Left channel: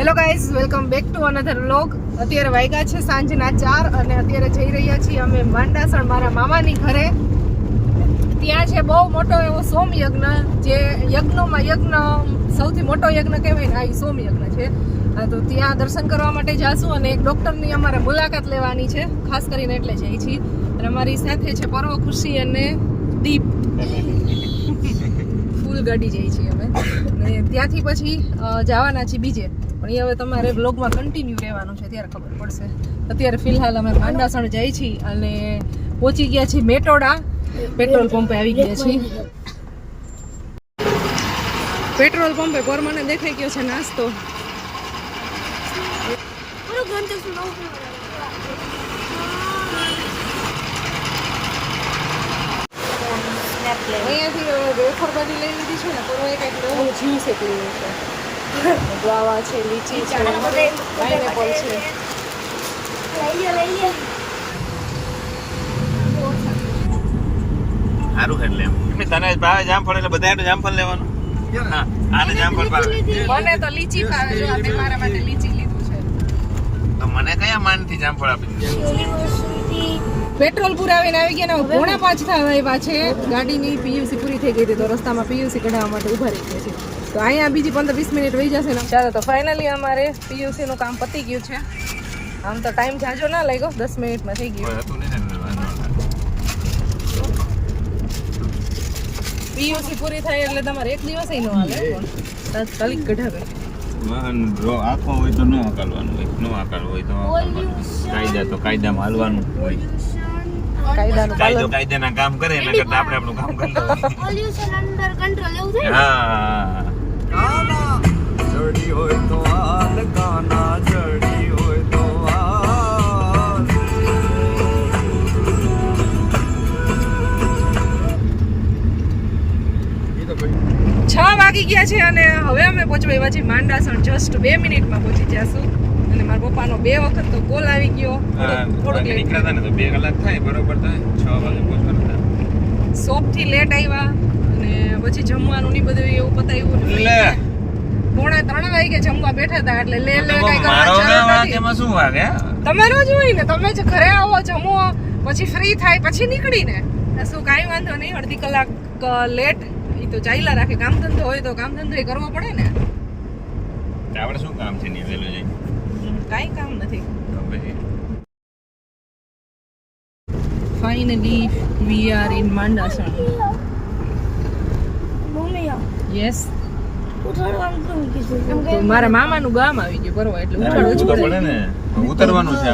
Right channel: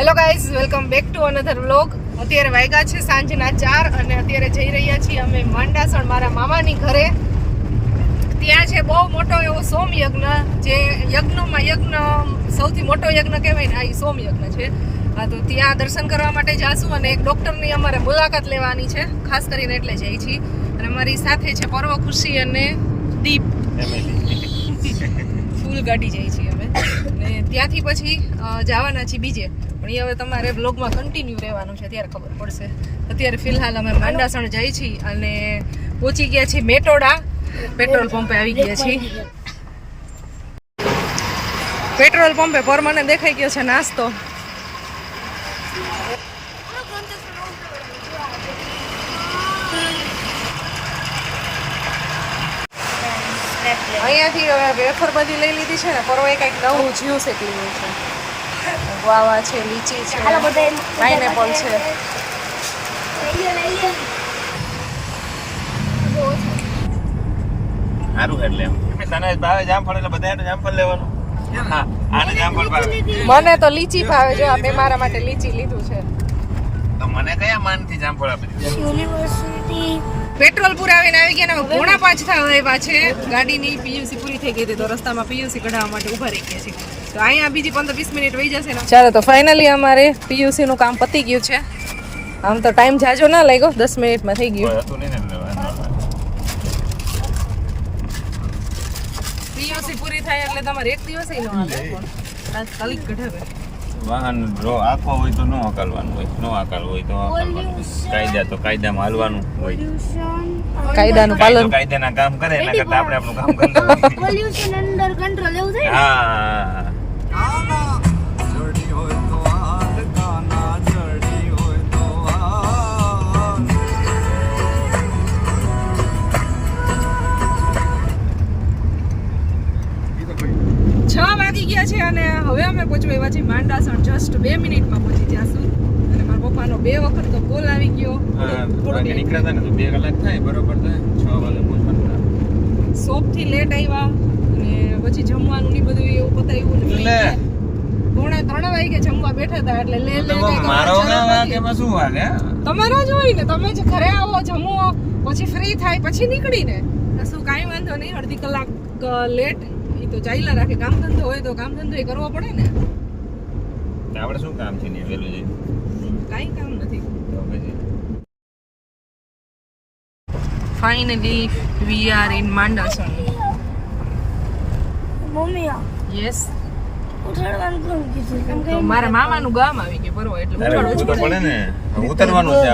Hello guys, welcome back to another vlog. અત્યારે વાગ્યા છે સાંજના 4 અને અત્યારે જઈ રહ્યા છીએ અમે માંડાસણ મારા મામાની ઘરે. ત્યાં છે બહુ મોટો એવો સોમયજ્ઞ, જે યજ્ઞ સૌથી મોટો યજ્ઞ કહેવાય ને, આ સોમયજ્ઞ છે. હા, તો ત્યાં દર્શન કરવા માટે જાશું અને એક ડૉક્ટરની અમારે મુલાકાત લેવાની છે, ખાસ કરીને એટલે જઈએ છીએ. અને અમારી સાથે છે પર્વ, ખુશી અને દીપ. ફૂલ ગાડી જઈએ છીએ અમે ને ત્યાંથી પછી જવાના છીએ બીજે, પણ એ હવે તમારે વ્લોગમાં કન્ટિન્યુ રહેવાનું છે, ત્યારે ખબર પડશે. અત્યારે ફિલહાલ અમે માંડાસણ જઈએ છીએ અને પહોંચી ગયા છીએ મેટોડા. પેટ્રોલ પંપે આવી ગયા છીએ. પેટ્રોલ પંપે પર મને દેખાઈ ગયો છે નાસ્તો. અહીંયાથી વેફર બધી લઈ લીધી છે ને, પરવાય કંઈક નવું જીવ શેકલી હોય છે. ગુઆવા છે, લીચી છે, પાઇનેપલ છે. સારું એટલે તને ભાવે જામફળ એટલે બધાને જામફળ લેવાનું. હા, આને જામફળ ભાવે. મને તો લીચી ભાવે છે, મેં મારા માટે લીચી લીધું છે. તો મને કયા માનથી જામફળ આપી દીધું? પેટ્રોલ પુરાવીને આવી ગયા ને 4:45 થવા આવ્યા છે. ગાડીની પીયુસી પૂરી થઈ ગઈ હતી, તો રસ્તામાં પીયુસી કઢાવવા માટે ઊભા રહી ગયા છે. તો અહીંયા બીજી 15-20 મિનિટ વહી જશે ને. ચાલો, તો ફાઇનલી અમારે પીયુસી નું કામ પતી ગયું છે. આમ તો ટાઈમ જાજો ના લાગ્યો, 10 મિનિટમાં થઈ ગયું. પીયુસી પૂરી થાય એટલે તમારે એક દિવસ ન હાલે, તાત્કાલિક કઢાવે. વાહન આખો હોય તો ન હકાલવાનું હોય, ન હકાલવું હોય તો કાયદા તો કાયદામાં હાલવાનું હોય. કાયદાનું પાલન, કાયદાના કામ કરે એના કરતા આપણે આપણું કામ કરતા હોય. પોલ્યુશન અંડર કંટ્રોલ એવું થાય. હા, જડી હોય તો હાલ કાના, જડી હોય તો હાલ. 6 વાગી ગયા છે અને હવે અમે પહોંચવા આવ્યા છીએ માંડાસણ. જસ્ટ 2 મિનિટમાં પહોંચી જશું. અને મારા પપ્પાનો 2 વખત તો કોલ આવી ગયો. થોડુંક નીકળ્યા હતા ને તો 2 કલાક થાય, બરોબર થાય. 6 વાગે પહોંચવાનું થાય. શોપથી લેટ આવ્યા અને પછી જમવાનું ની બધું એવું પતાવ્યું ને 2:45 વાગે જમવા બેઠા હતા. એટલે લે કઈ એમાં શું વાગે? તમે ન જોઈ ને, તમે જ ઘરે આવો, જમો, પછી ફ્રી થાય, પછી નીકળીને શું કાંઈ વાંધો નહીં. અડધી કલાક લેટ એ તો ચાલ્યા રાખે. કામ ધંધો હોય તો કામ ધંધો કરવો પડે ને. આપણે શું કામ છે ને વેલું જઈને? કાંઈ કામ નથી. તો પછી finally we are in Mandasan. Mummy yes, ઉઠાડવાનું કેમ કીધું? તો મારા મામાનું ગામ આવી ગયું પરવા, એટલે ઉઠાડવું જ પડે ને. ઉતરવાનું છે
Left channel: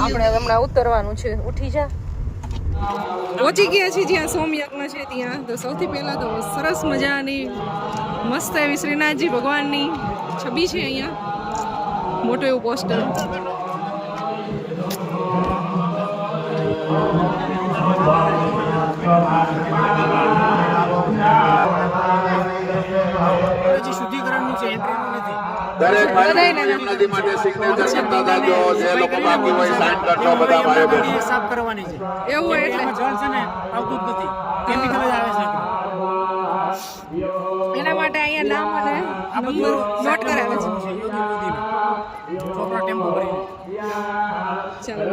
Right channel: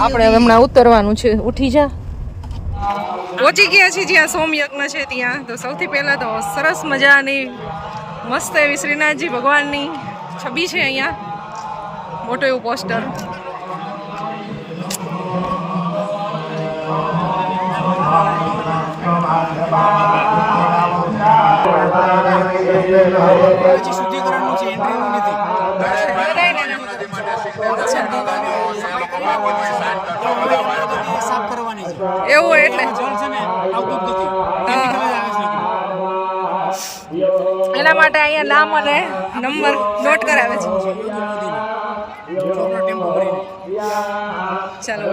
આપણે હમણાં ઉતરવાનું છે. ઉઠી જા. પહોંચી ગયા છીએ જ્યાં સોમયજ્ઞ છે ત્યાં. તો સૌથી પહેલા તો સરસ મજાની મસ્ત એવી શ્રીનાથજી ભગવાનની છબી છે અહીંયા, મોટું એવું પોસ્ટર. શુદ્ધિકરણનું છે, એન્ટ્રીનું નથી. સાફ કરવાની છે એવું હોય એટલે જળ છે ને આવતું જ નથી, કેમિકલ જ આવે છે. એના માટે અહીંયા નામ અને નંબર નોટ કરાવે છે. છોકરો ટેમ્પો ભરીને ચાલો.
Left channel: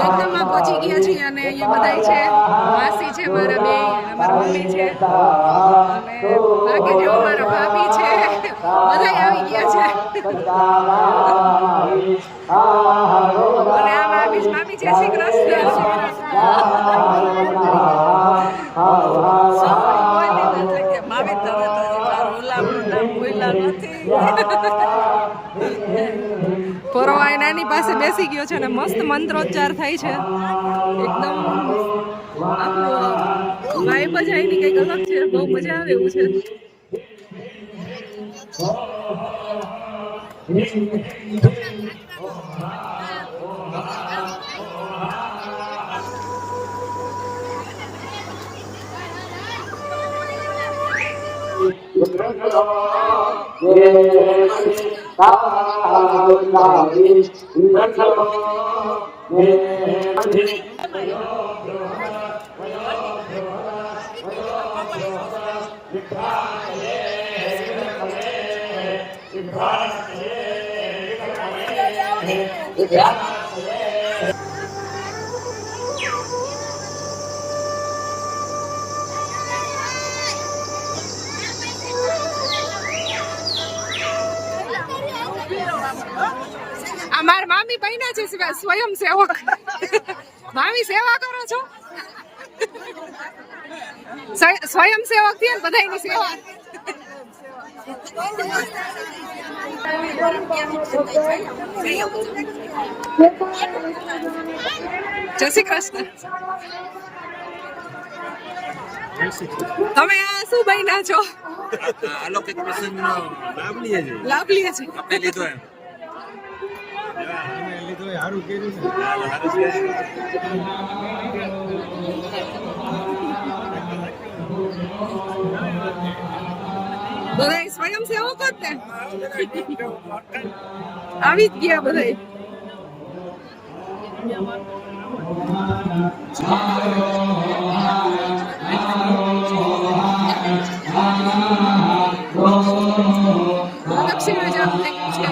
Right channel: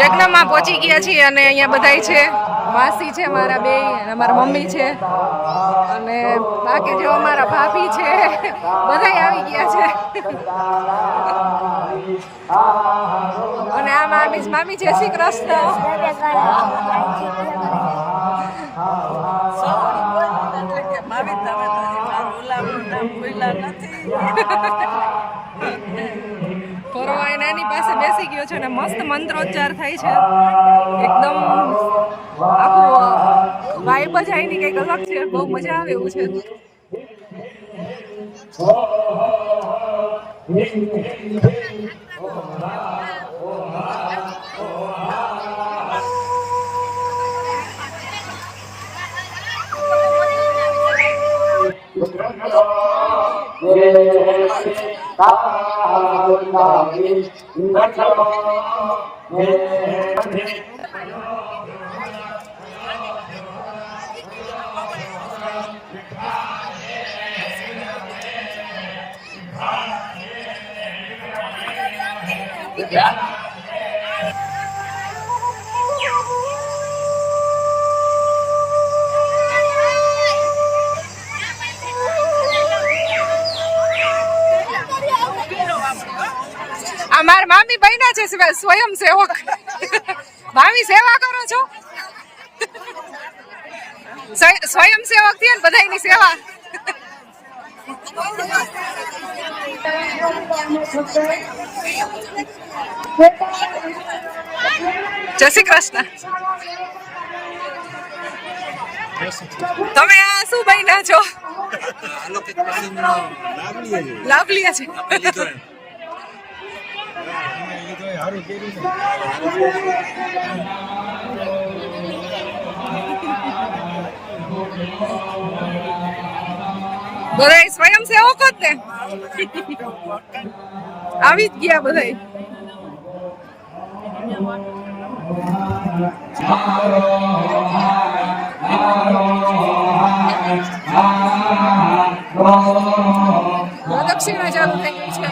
યજ્ઞમાં પહોંચી ગયા છીએ અને અહીંયા બધાય છે. માસી છે મારા બે, અમારા મમ્મી છે અને બાકી જો અમારા ભાભી છે, બધાય આવી ગયા છે. અને આ મામી જય શ્રી કૃષ્ણ. ફોરવાય નાની પાસે બેસી ગયો છે અને મસ્ત મંત્રોચ્ચાર થાય છે. એકદમ આખું વાઇબ જ આની કંઈક અલગ છે. બહુ મજા આવે એવું છે. અમાર મામી બન્યા છે સ્વયંસેવક. મામી સેવા કરો છો? સ્વયંસેવક થી બધાની સેવા. જય શ્રી કૃષ્ણ. તમે આ શું બન્યા છો? લાભ લે છે. બધા સ્વયંસેવકો જ ને આવી જ ગયા બધા. દક્ષિણા ચાલુ થઈ ગઈ છે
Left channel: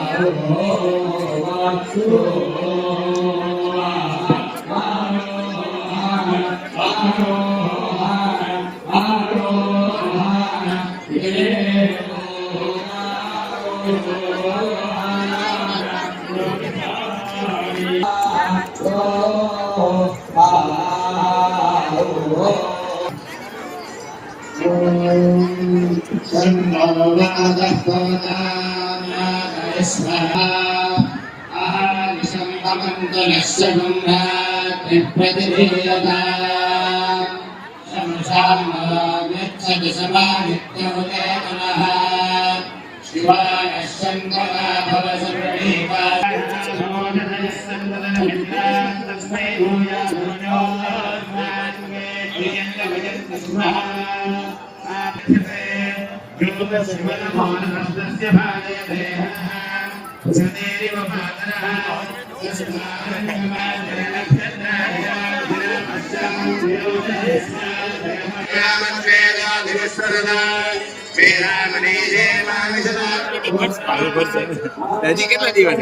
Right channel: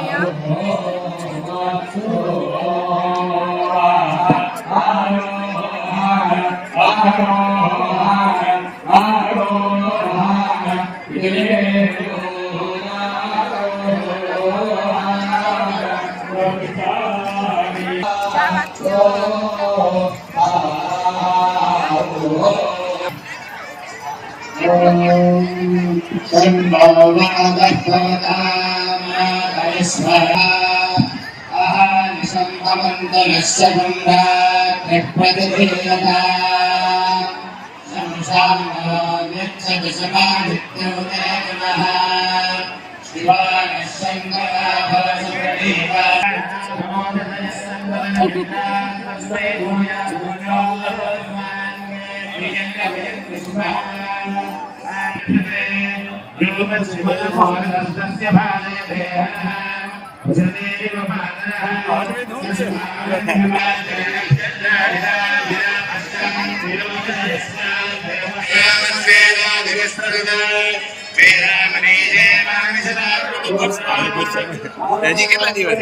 હજી કેટલા દિવસ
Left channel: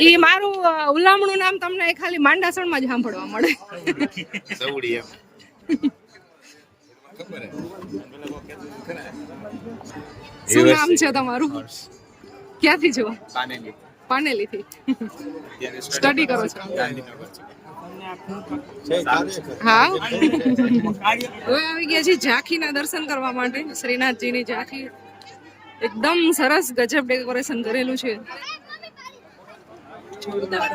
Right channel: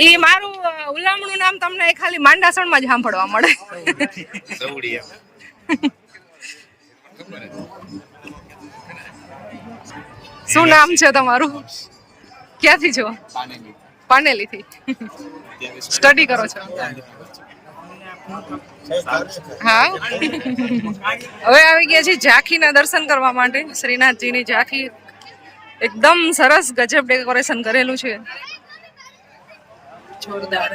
એ મારું ઉલામણું નામ તમને ખાલી માંડાસણમાં જ સાંભળવા મળે. શું નામ છે તમારું? ક્યાંથી છો? પાનેલી થી. સ્ટડી કરો છો? હા. હવે આવી ગયા છે ઝાંખીના દર્શન કરવા માટે. શ્રીનાથજીની ઝાંખી એકદમ સરસ ગજબ ડેકોરેશન કરેલું છે. જોરદાર.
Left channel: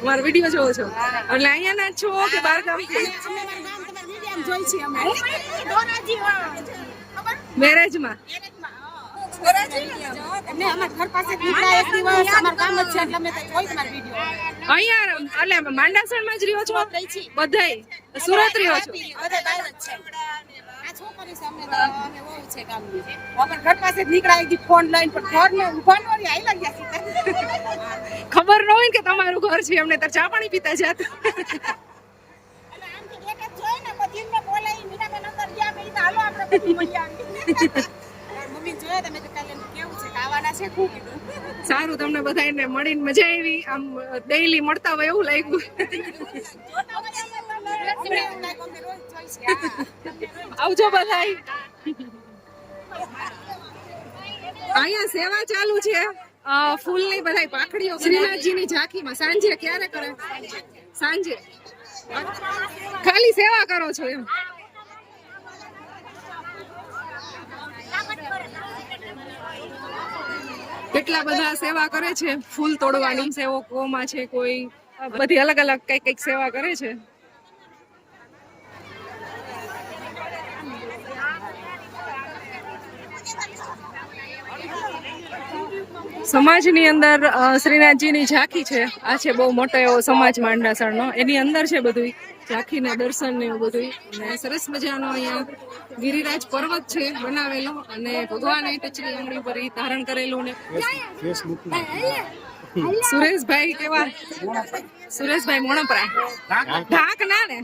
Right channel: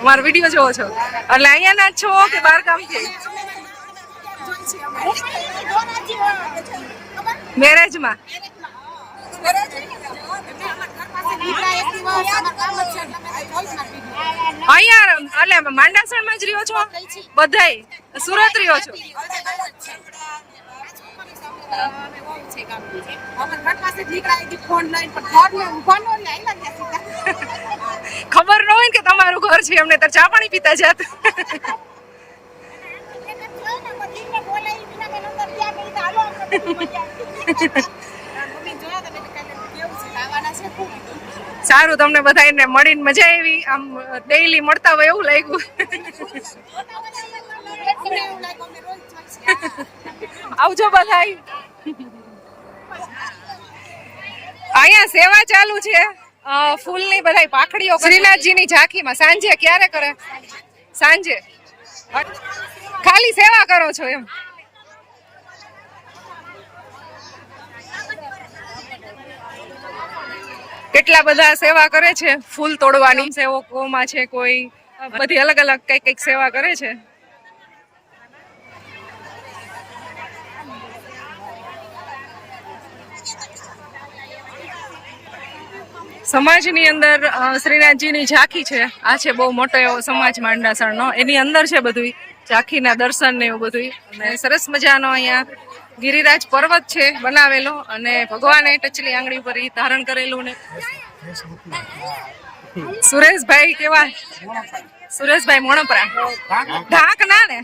અમારો વિડીયો જોવો છો એટલે અહીંયા ના છો કે બહાર ગામ થી? મેરેજમાં અહીંયા એટલે માંડાસણમાં જ રહ્યો છો બધાય સુરત રહ્યો છો ખબર ન હોય ને કે તમારું ઘર છે અમને તો ચા પાણી પીતા જાત સારું તમને બધાને મળીને મજા આવી આમ ડેઈલી મળતા હોય એવું લાગ્યું આવજો બધાય અહીંયા સેવા ચાલુ છે ફૂલની બધાય પાખડીઓ શ્રીનાથજીની ઝાંખીમાં સાંજે ક્યારે કરે સાંજે ખાલી સેવા કરો છો એમ કેટલા બધા સેવા કરે છે ફૂલ તોડવાની સેવકોમાં છે કોઈ બધી અલગ અલગ કઈક કઈક સેવા કરે છે સમાજની અંદર શ્રીનાથજીની ઝાંખી છે આ છે બહુ મોટો એવો સમાજ માંડાસણનો એની અંદર છે બધું ઝાંખીના દર્શન ને એવું બધું અને સરસ મજાનો અહીંયા ગિરિરાજ પર્વત છે બનાવેલો અને ભગવાને ટચલી આંગળી ઉપર ઈ ધારણ કરેલું ને સુરેશભાઈ કેવા સુરેશભાઈ મોણપરા ઢાક ના ને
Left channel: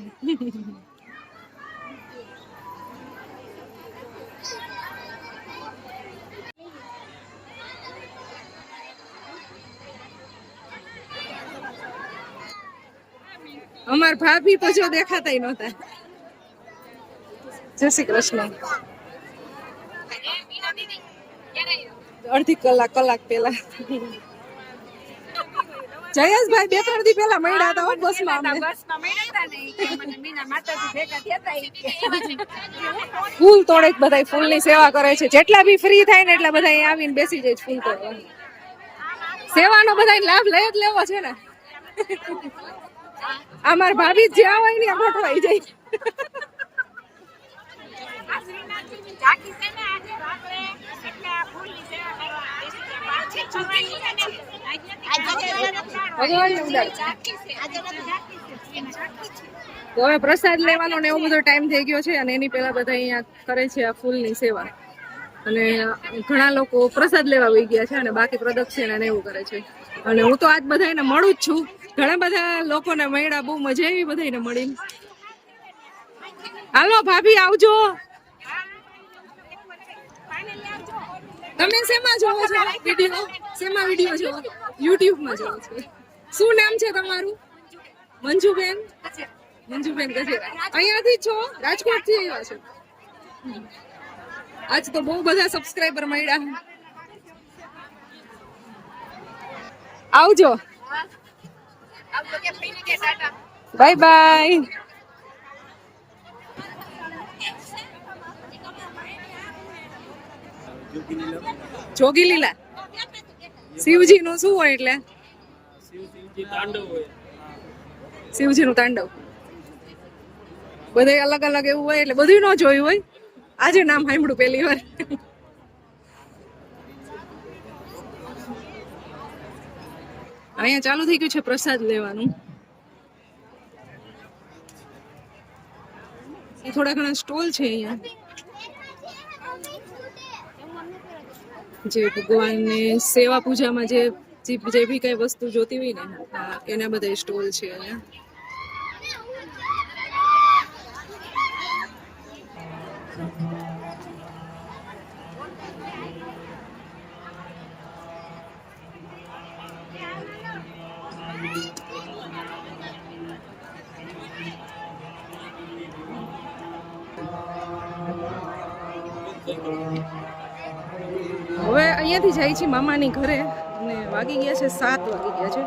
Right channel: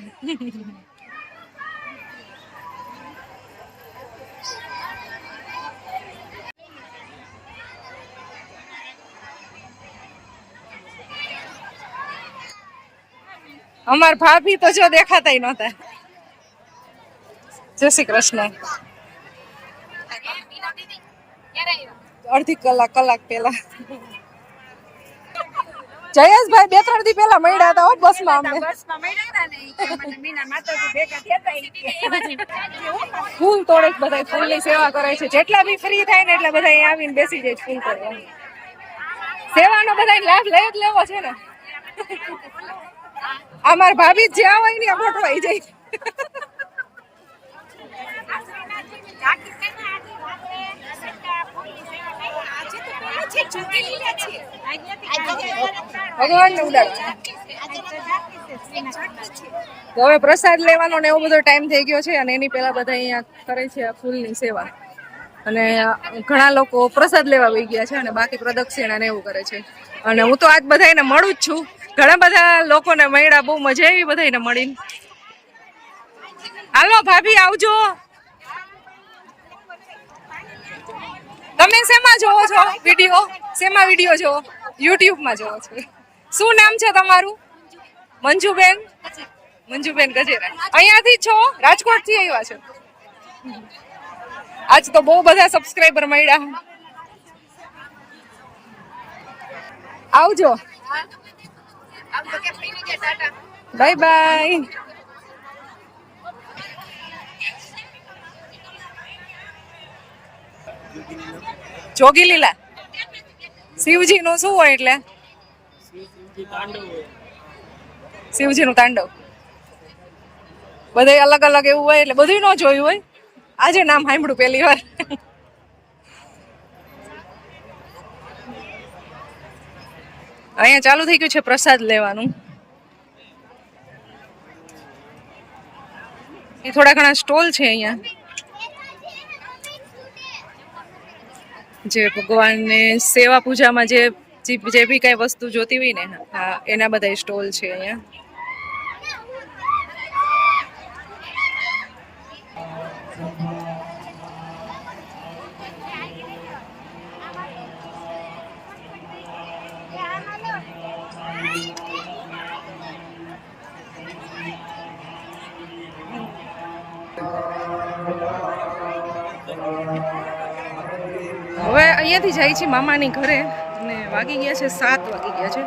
અમાર ભાભી તો જો દેખાતાય નહોતા જય શ્રી કૃષ્ણ અડધી કલાક પેલા જયેશભાઈ 2-3 દી પેલા મળ્યા હતા બસમાં ફૂલ તોડે બધા ફૂલની સેવા કરે છે જેટલા બી ફ્રી થાય ને એટલા બધા અહીંયા આવીને બેસી જાય ફૂલ તોડવા સેવાનો બધા લાભ લઈ જ લેવો છે ને અમાર ભાભી જ્યાં હોય ને ગોઠવાઈ જાય ભગવાનને ઉડાડવા તો હવે પ્રસાદ લેવાનો ને એવો બધો ટાઈમ થઈ ગયો છે અને એની પહેલા બધા અહીંયા કરે છે આ ફૂલની સેવા અને ઘણા લોકો પ્રસાદ લેવા વહી ગયા છે અને બાકી પ્રદક્ષિણા ને એવું કરે છે અને હું તો આજ બધાને મળું જ છું ઘણા બધા લોકોને મળ્યા બહુ મજા આવી બધાને મળીને હાલો ભાભી આવજો તમે શેમાં જોવો છો વિડીયો શેમાં વિડીયો જોવો YouTube માં જોવો છો શું નામ છે તમારું મંજુબેન ગજેરા અહીંયાથી છો રાજકોટ થી આવ્યા છો આજ તો બહુ બધા સબસ્ક્રાઇબર મળ્યા આવજો બાય બાય જોગી લીલા શિવજી નું શું હોય એટલે શિવજી નું તાંડવ બધે અલગ અલગ એવું હોય એટલે બધું ન જોયું હોય આજે નામ સાંભળ્યું પહેલી વાર અહીંયા ચાલુ થઈ ગયું છે પ્રસાદ લેવાનું એ થોડા ઘણા સ્ટોલ છે અહીંયા જે ભગવાનને સેવા પૂજામાં જે બી કઈ વસ્તુ જોતી હોય ને હા એના બધા સ્ટોલ છે અહીંયા હવે અહીંયાથી જાય છે મામાની ઘરે અને વાગી ગયા છે 7 વાગી ગયા છે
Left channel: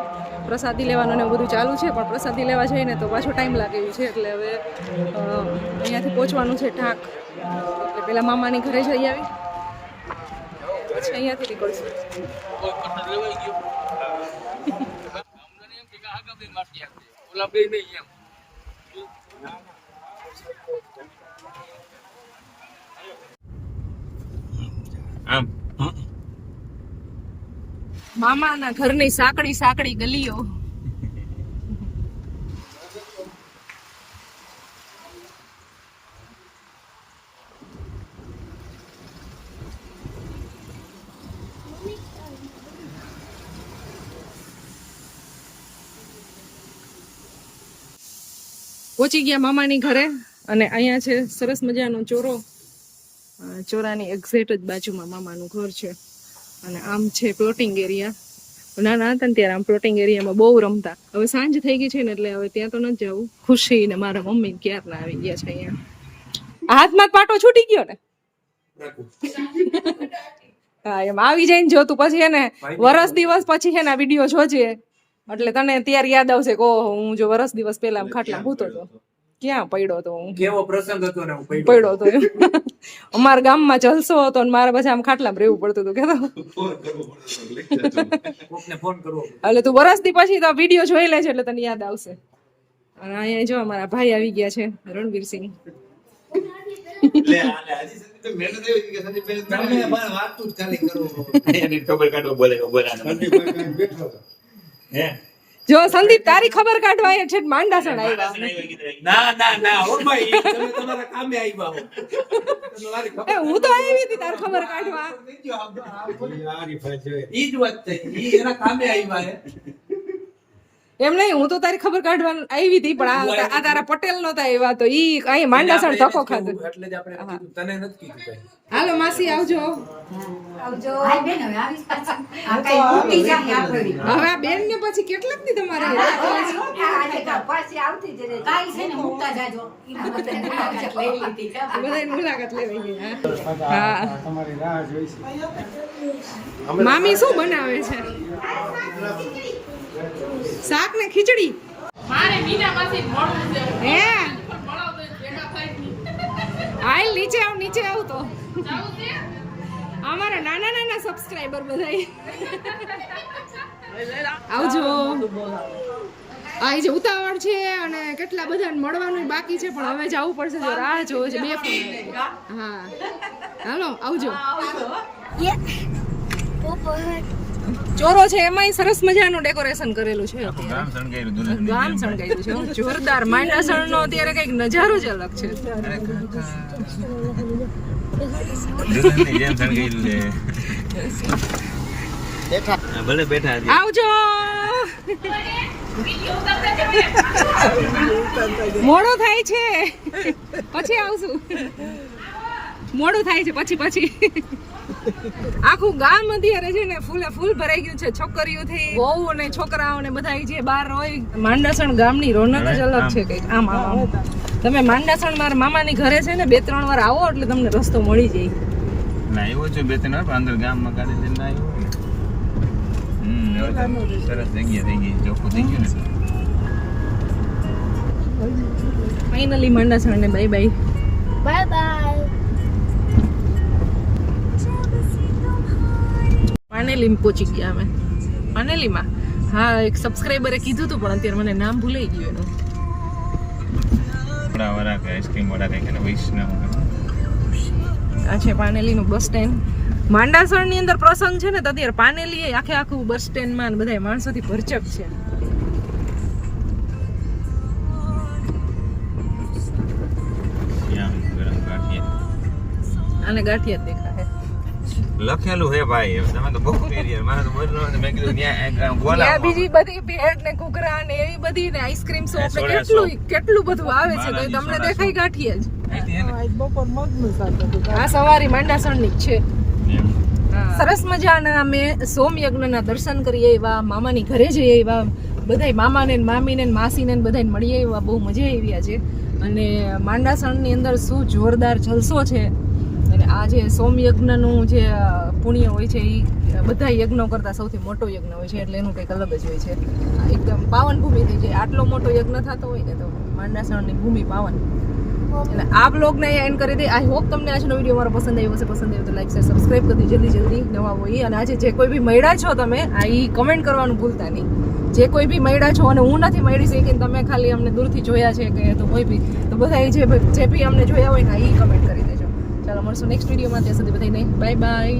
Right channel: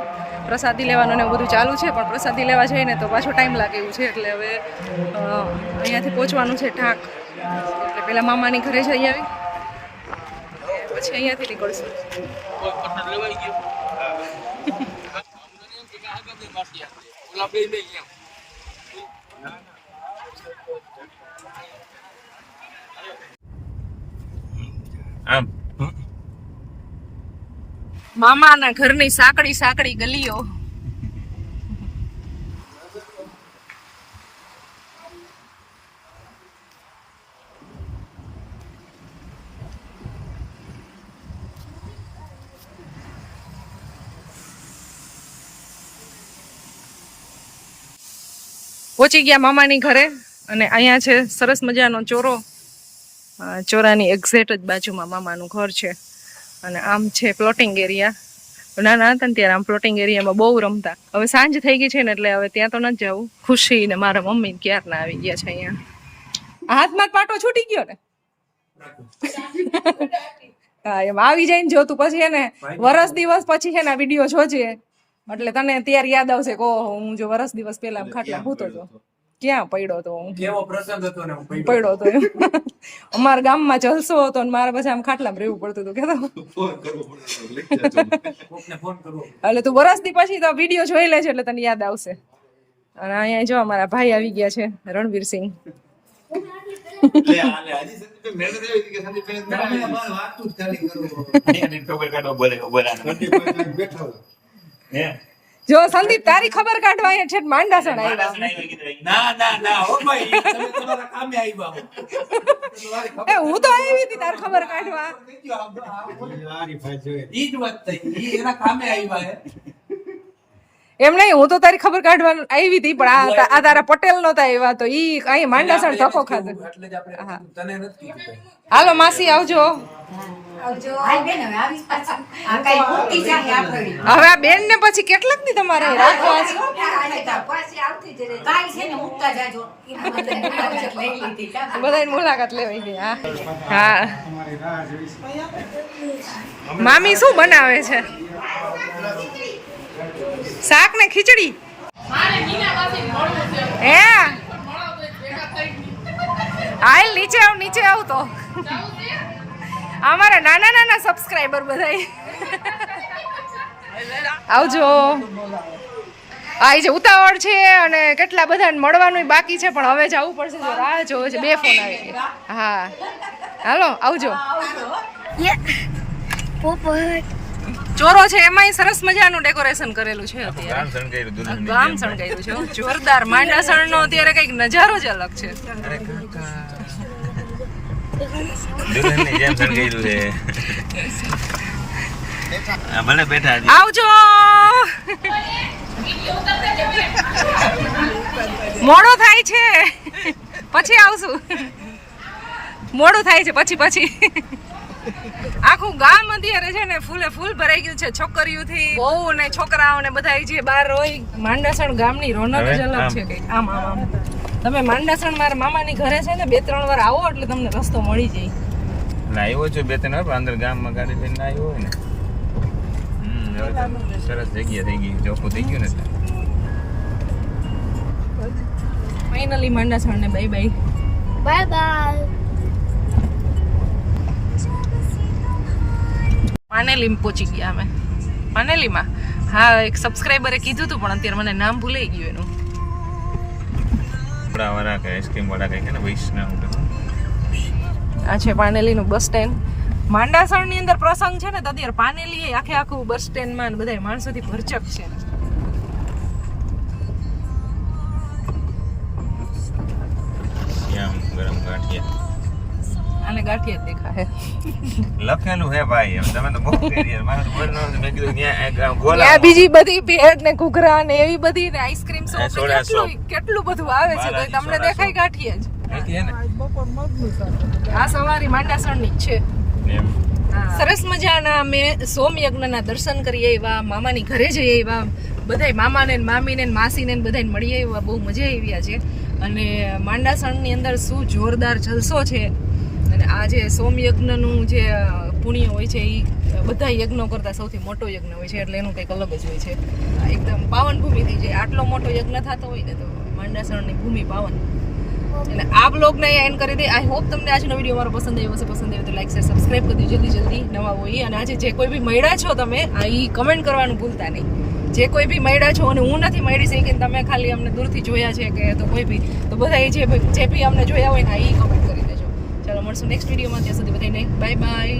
પ્રસાદી લેવાનું ને બધું ચાલુ છે પણ પ્રસાદી લેવા જઈને તો પાછો ટાઈમ લાગે એવું છે એટલે હવે અહીંયાથી પહોંચવાનું છે ઢાક એટલે પેલા મામાની ઘરે જઈ આવી પછી અહીંયાથી નીકળશું આમ મામાના ઘરની સાંકડી સાંકડી ગલીઓ. પહોંચી ગયા મામાની ઘરે અને અહીંયા છે સરસ મજાનો ચોરો. ચોરાની એક્ઝેક્ટ જ બાજુમાં મામાનું ઘર છે અને આમ છે પ્લોટિંગ એરિયા. નાના હતા ને ત્યારે આમ પ્લોટિંગ એરિયામાં બહુ રમતા. હવે સાંજ થઈ ગઈ છે ને એટલે હવે ત્યાં તો નથી જવું. ખુશી ને મારા મમ્મી ક્યારના આવી ગયા છે અહીંયા. હાથમાં પાટો છૂટી ગયો ને હા એમ આવી જાય ને જો તું પછી છે ને વરસ દિવસ પછી છે ને આ વિડીયો જોજે એટલે તને ત્યારે યાદ આવશે કે ઓહો હું જો વરસ દિવસ પહેલા ખાટલા ભૂતો હતો ક્યાં પડ્યો તો હું કેવો પ્રસંગ હતો ને હું પડ્યો તો એમ અમારા ગામમાં જલસો હતો ને મારે પછી આમ ખાટલામાં રહેવું પડતું હતું કેતો કોકને ફોન કરવો એટલે તું વરસ દી પછી તો વિડીયો જોઈ લેજે એટલે તને યાદ આવશે. અને અહીંયા જો અમારા ભાઈ આવી ગયા છે રણવીરસિંહ. જો સંદીપ તારી ખબર કાઢવા અહીંયા છે માંડાસણ આવ્યા. ના ઓ ભાઈ તમે તમારા કામે આવ્યા હો એ હું તો આવી હતી તાર ખબર કાઢવા. ઈ જ વાત થઈ ઈ એના કામે આવ્યા હે એમ નહીં હું તો તારી ખબર કાઢવા આવી હતી પણ આ તારા પટેલ નતા આવ્યા તો ઈ અહીં માંડાસણ ધક્કો ખાધો એટલે જ આપણે તને નથી કીધું. હાલો માસી આવજો. હવે આ બેન ને પછી કેટલાક દી તમારે રાખવા છે? બધાની મુલાકાત લેવાઈ ગઈ. હા મામી શું બનાવે છે? શાક ને ખીચડી. હે હાલ નીચે આવ તો અમારા નાના નાના સબસ્ક્રાઇબર બધાય આવજો. આ જે ઉતાવળ છે અને કેટલા બધાને મળવાનું બાકી છે પણ હવે જવું પડશે. જો રાહ જોવે છે. 2 ફોન આવી ગયા. હા હાલો આવજો. ચોરો છે એમાંય સરસ મજાનું ડેકોરેશન કરેલું છે અત્યારે. ગામ શણગાર્યું છે જોરદાર. માંડાસણ નો અત્યારે કઈક નજારો જ અલગ છે. આવજો. મોડું થાય છે પછી આવશું. મોડું થાય છે પછી આખું ગામ અત્યારે છે ને ફૂલે ફૂલ ભરાઈ ગયું છે છોકરીઓથી વહુ ને છોકરાઓ ને બધા જે બહાર હોય. માંડાસણ ગામની રોનક જ અલગ છે કઈક. આમ તમે માંડાસણ મારા મામાની ઘરે છે ને 2-3 વાર આવો એટલે તમને રસ્તો મળી જાય. ના આવ્યો છું 2-3 વાર અંદર ગામમાં ગાડી લઈને આવ્યો હોય ને સરસ જગ્યા થઈ ગઈ ચોખ્ખું થઈ ગયું ને. ફાઇનલી માંડાસણ ને bye bye. Bye bye. Paneli પહોંચી ગયા અમે. પાનેલીમાં હા એક સબસ્ક્રાઇબરે કીધું હતું પણ અત્યારે મને નામ ભૂલાઈ ગયું એનું. આ છે પાનેલીનું બસ સ્ટેન્ડ. માંડાસણની અંદર પ્રસંગ છે ને તો અત્યારે પાનેલી આખું બસ સ્ટેન્ડમાં બધા માણસોથી ભરચક છે. અને ગાંઠિયા દેખાય લખેલું હે ભાઈ. તમે તો બહુ પેરિયર મારે તો બોલનો મેં કીધું ત્યાં ગોલા બીજી બધી ભેળ ને ઘૂઘરા ને એવી બધી ને આઈસ્ક્રીમ શોપ ને કેટલું બધું આવે છે તો તમને દેખાય ગાંઠિયા જ. આ સવારી માંડાસણની જ છે. સરસ મજાના અમે સોમયજ્ઞના દર્શન કરીએ એવા મામાની ઘરે જઈએ એવા બધાય મામાને મામીને માસીને બધાને મળીએ એવા બહુ મજા આવી છે. અને માંડાસણની અંદર શું જોરદાર જલસો છે. અને આ જે સોમયજ્ઞનું જે પુણ્ય હોય છે એ બધા યજ્ઞો કરતાં સૌથી મોટો યજ્ઞ હોય છે એટલે એનું કંઈક અલગ જ હોય છે. એકદમ પાવન ભૂમિ થઈ જાય. આટલો મોટો યજ્ઞ થતો હોય ને તો માંડાસણની ભૂમિ પાવન. એટલે આ બ્લોગને એન્ડ કરી દે. આઈ હોપ તમને આજનો વિડીયો મારો પસંદ આવ્યો હશે. પસંદ આવ્યો તો લાઈક શેર સબસ્ક્રાઈબ કરી દો જલ્દી નવા હોય. અને આજે જે કોઈ બી મળ્યા છો તમે આ એ કમેન્ટ કરવાનું ભૂલતા નહીં. જે કોઈ બી મળ્યા છો અને હું નથી મળી શકી તમે ખાલી અમને દૂરથી જોયા છે કે તો કોઈ બી તો બધા જે બી અમને જોયા હોય ને એ કમેન્ટ કરી દેજો. ચાલો મળશું નેક્સ્ટ વિડીયોમાં. ત્યાં સુધી બધાને બાય બાય.